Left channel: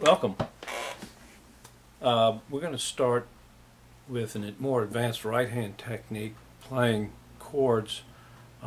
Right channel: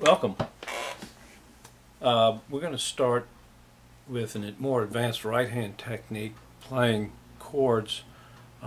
Welcome. We're going to start with a more advanced right-hand technique, playing chords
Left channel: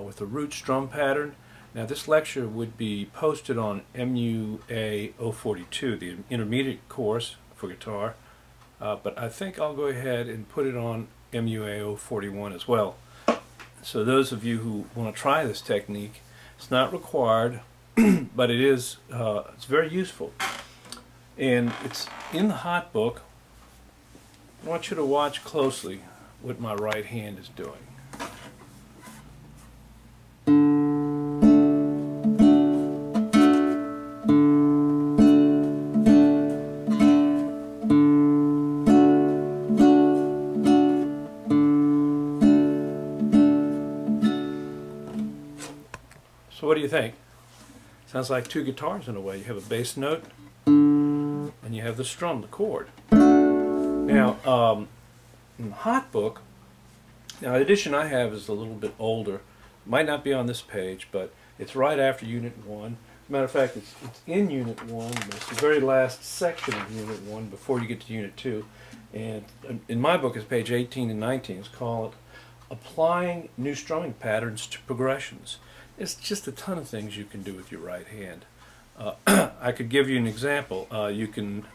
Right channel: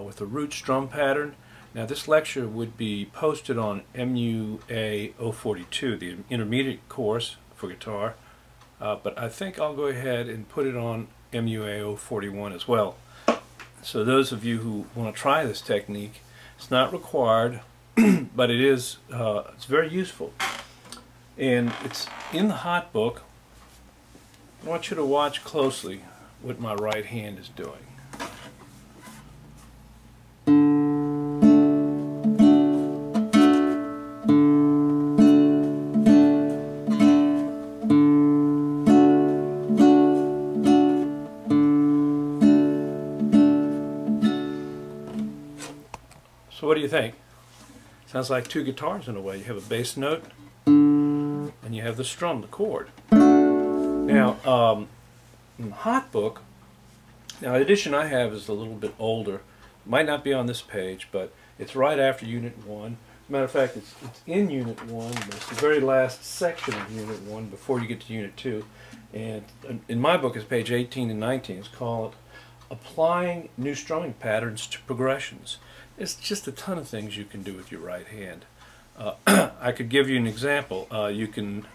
with a root strum pattern. Now this lecture would be posted on MUA 042, the intermediate course for guitar, but I think I'll go ahead and put it on MUA 041 as well. So those of you who want to try this technique, it's not required, but it is it's very useful. And it's in the hot book. I want you to watch closely what my right hand is doing. So what do you think? Sounds like two guitars in a way. You have a bass note and you have the strum, the chord. Now, in the hot book, now the edition I have is a little bit older. It might not be on this page, but it's right after Unit 1. As a matter of fact, it's in Unit 1, but it's the very last section of Unit 1 before you get to Unit 2. And in my book, it's page 18 and 19. It's called Applying New Strumming Patterns to Progressions. It's just a ton of things you can do with your right hand. I could give you an example. You can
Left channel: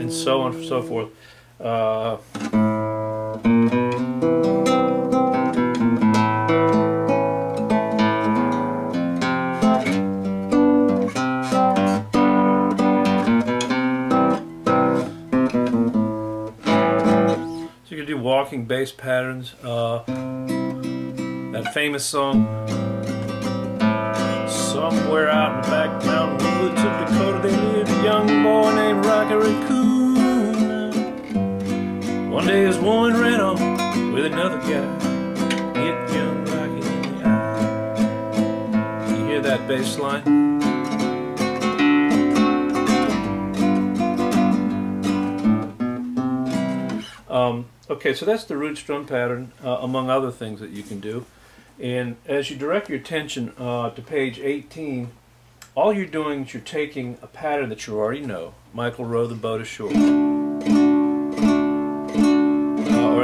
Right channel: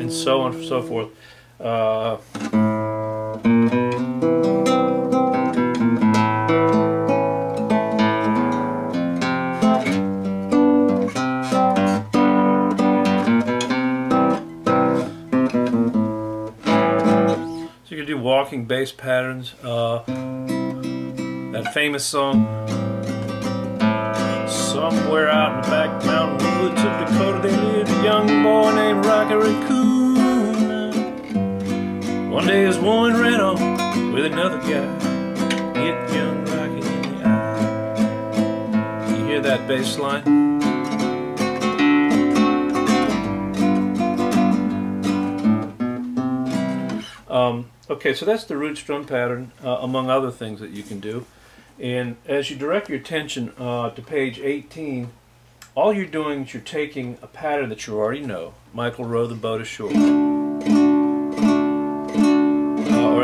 and so on and so forth. So you can do walking bass patterns. That famous song, somewhere out in the back mountain woods of Dakota, there lived a young boy named Rocky Raccoon. One day his woman ran off with another guy, hit young Rocky in the eye. You hear that bass line? Okay, so that's the root strum pattern, among other things that you can do. And as you direct your attention to page 18, all you're doing is you're taking a pattern that you already know. Michael row the boat ashore. Or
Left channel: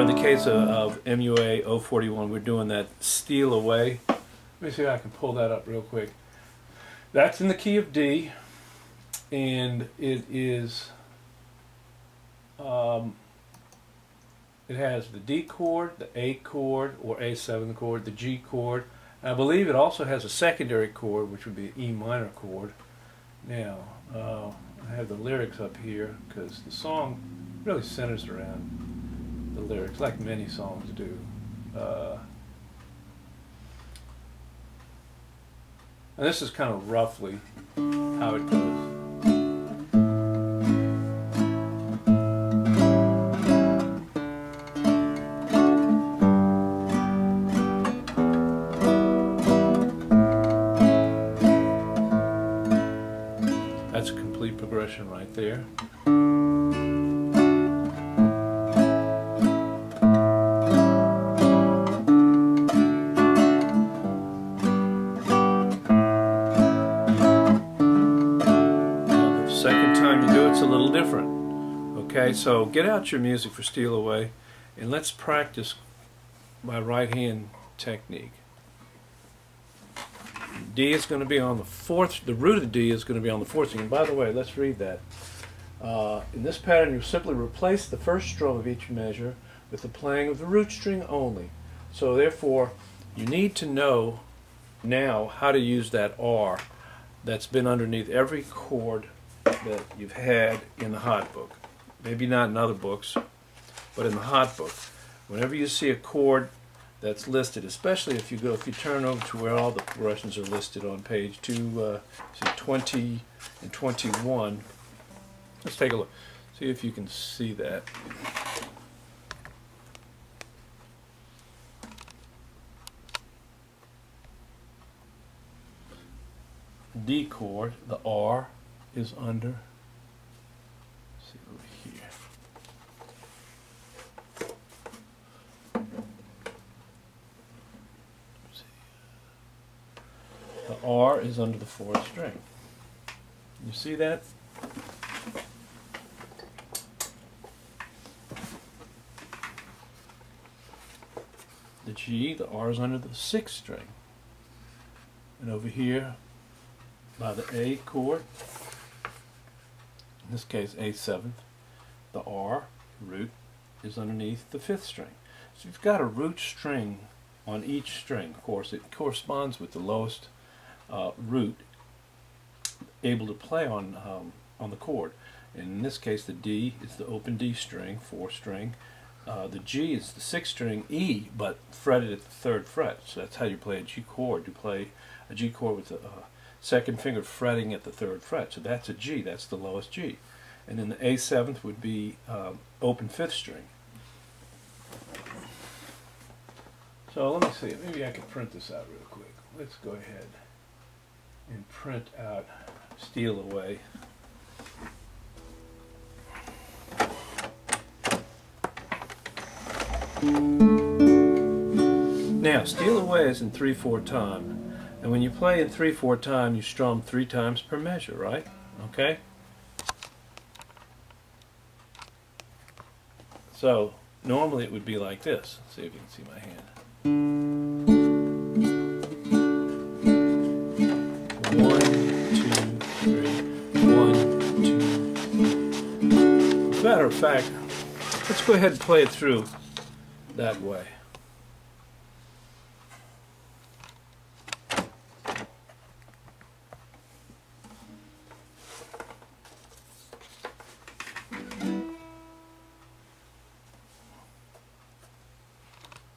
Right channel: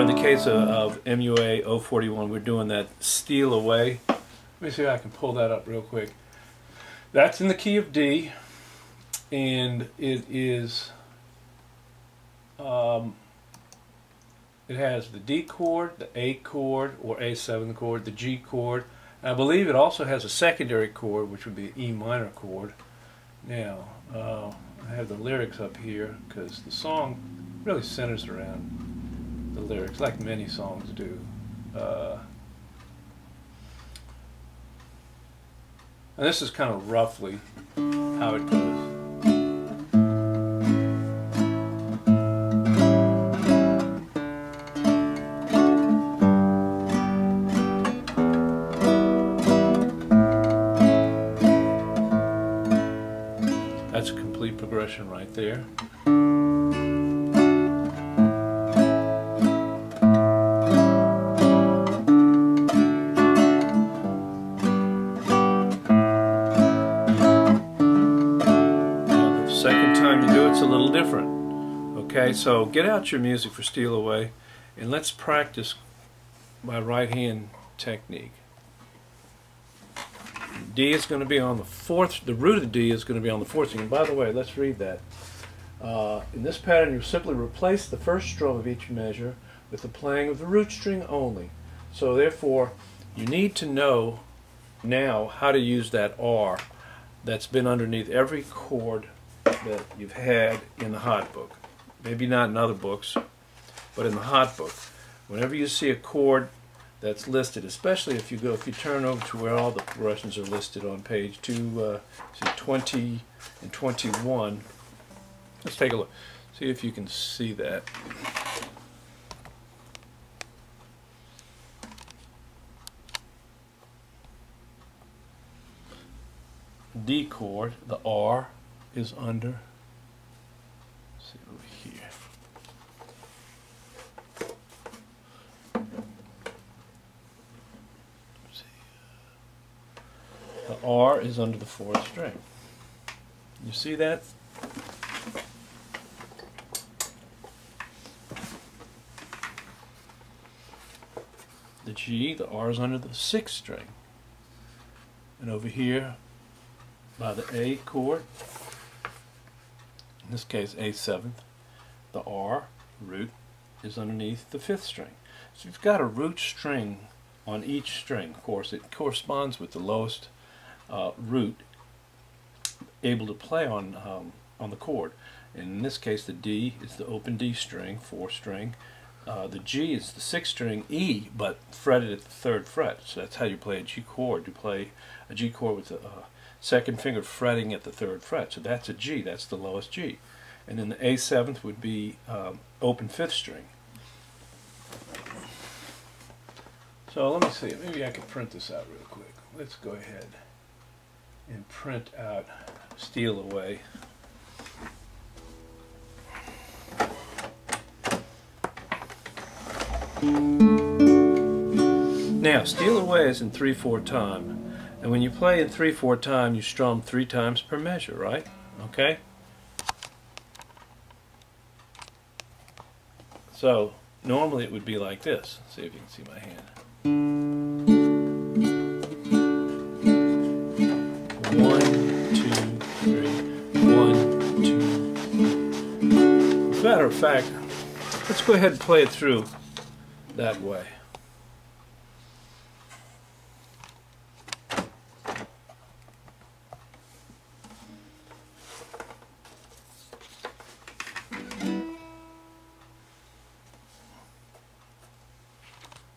in the case of MUA 041, we're doing that steal away. Let me see if I can pull that up real quick. That's in the key of D, and it is it has the D chord, the A chord, or A7 chord, the G chord. I believe it also has a secondary chord, which would be an E minor chord. Now, I have the lyrics up here because the song really centers around the lyrics, like many songs do. And this is kind of roughly how it goes. That's a complete progression right there. Now, the second time you do it's a little different. Okay, so get out your music for Steal Away and let's practice my right hand technique. D is going to be on the fourth, the root of the D is going to be on the fourth string. And by the way, let's read that. In this pattern, you simply replace the first strum of each measure with the playing of the root string only. So therefore, you need to know now how to use that R that's been underneath every chord that you've had in the hot book. Maybe not in other books, but in the hot book. Whenever you see a chord that's listed, especially if you turn over to where all the progressions are listed on page 20 and 21. Let's take a look. See if you can see that. D chord, the R is under. Let's see over here. The R is under the 4th string. You see that? The G, the R is under the 6th string. And over here, by the A chord, in this case A7th, the R, root, is underneath the 5th string. So you've got a root string on each string. Of course, it corresponds with the lowest root able to play on the chord. And in this case, the D is the open D string, 4th string. The G is the 6th string, E, but fretted at the 3rd fret. So that's how you play a G chord. You play a G chord with the 2nd finger fretting at the 3rd fret. So that's a G. That's the lowest G. And then the A7th would be open 5th string. So let me see. Maybe I can print this out real quick. Let's go ahead and print out Steal Away. Now, Steal Away is in 3/4 time, and when you play in 3/4 time, you strum 3 times per measure, right? Okay? So, normally it would be like this. Let's see if you can see my hand. 1, 2, 3, 1, 2. As a matter of fact, let's go ahead and play it through that way.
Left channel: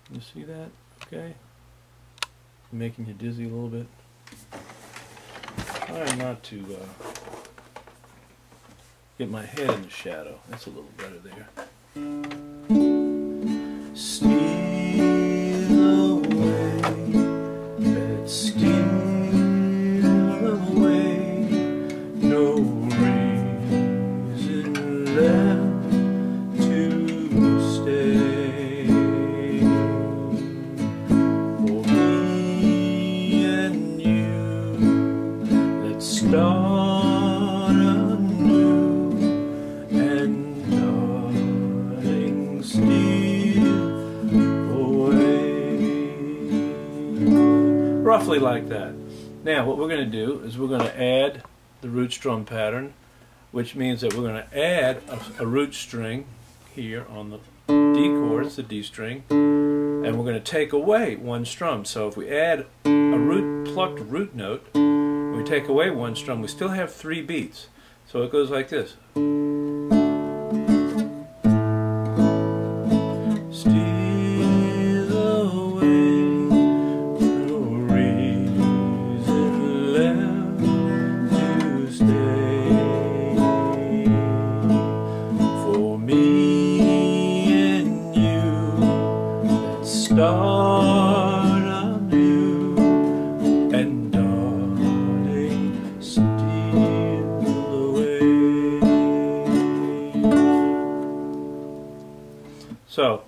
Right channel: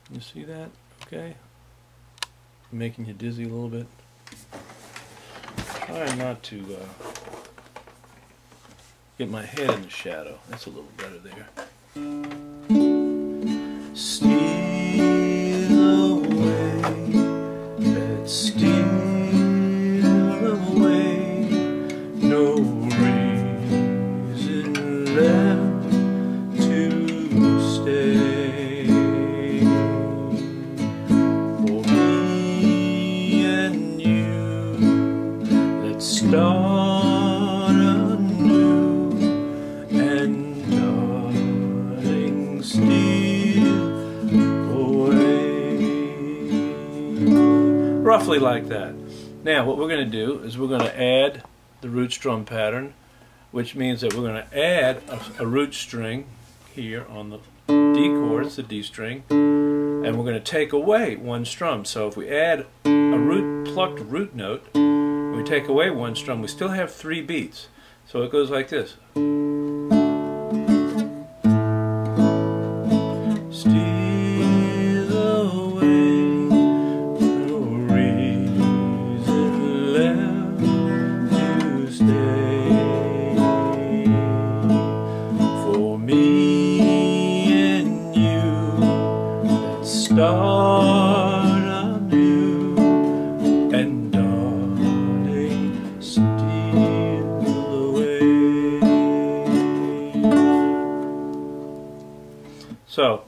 You see that? Okay. Making you dizzy a little bit. Trying not to get my head in the shadow. That's a little better there. Steal away, let's steal away, no reason left to stay. For me and you, let's start anew, and darling, steal away. Roughly like that. Now what we're going to do is we're going to add the root strum pattern, which means that we're going to add a root string here on the D chord, it's the D string, and we're going to take away one strum. So if we add a plucked root note, we take away one strum, we still have 3 beats. So it goes like this. Steal away, no reason left to stay. For me and you, let's start anew, and darling, steal away. So,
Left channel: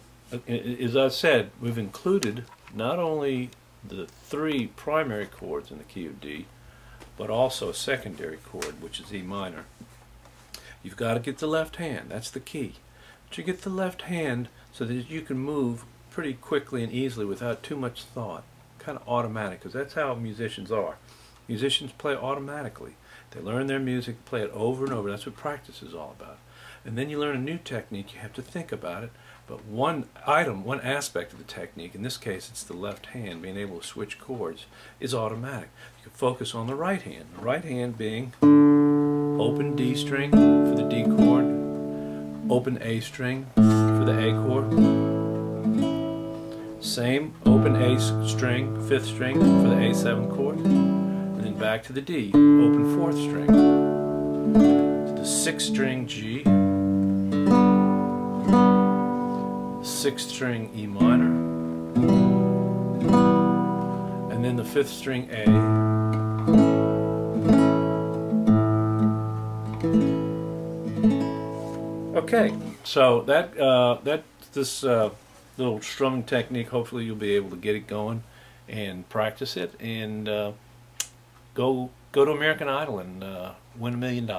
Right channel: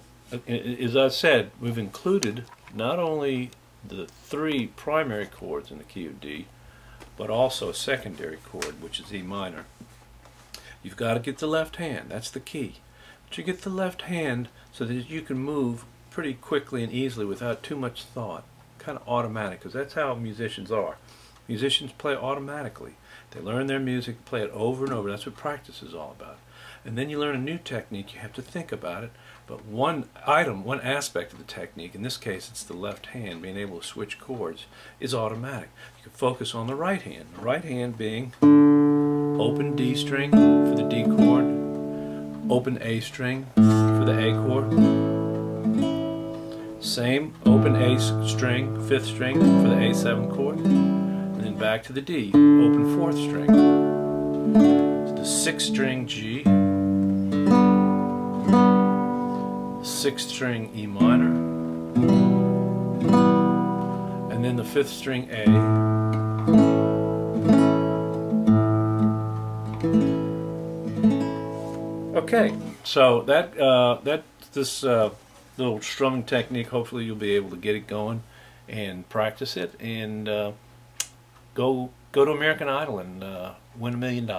as I said, we've included not only the 3 primary chords in the key of D, but also a secondary chord, which is E minor. You've got to get the left hand, that's the key. But you get the left hand so that you can move pretty quickly and easily without too much thought. Kind of automatic, because that's how musicians are. Musicians play automatically. They learn their music, play it over and over. That's what practice is all about. And then you learn a new technique, you have to think about it. But one aspect of the technique, in this case it's the left hand, being able to switch chords, is automatic. You can focus on the right hand. The right hand being open D string for the D chord, open A string for the A chord, same open A string, 5th string for the A7 chord, and then back to the D, open 4th string, to the 6th string G, 6th string E minor, and then the 5th string A, okay, so this little strumming technique, hopefully you'll be able to get it going and practice it, and go to American Idol and win $1 million.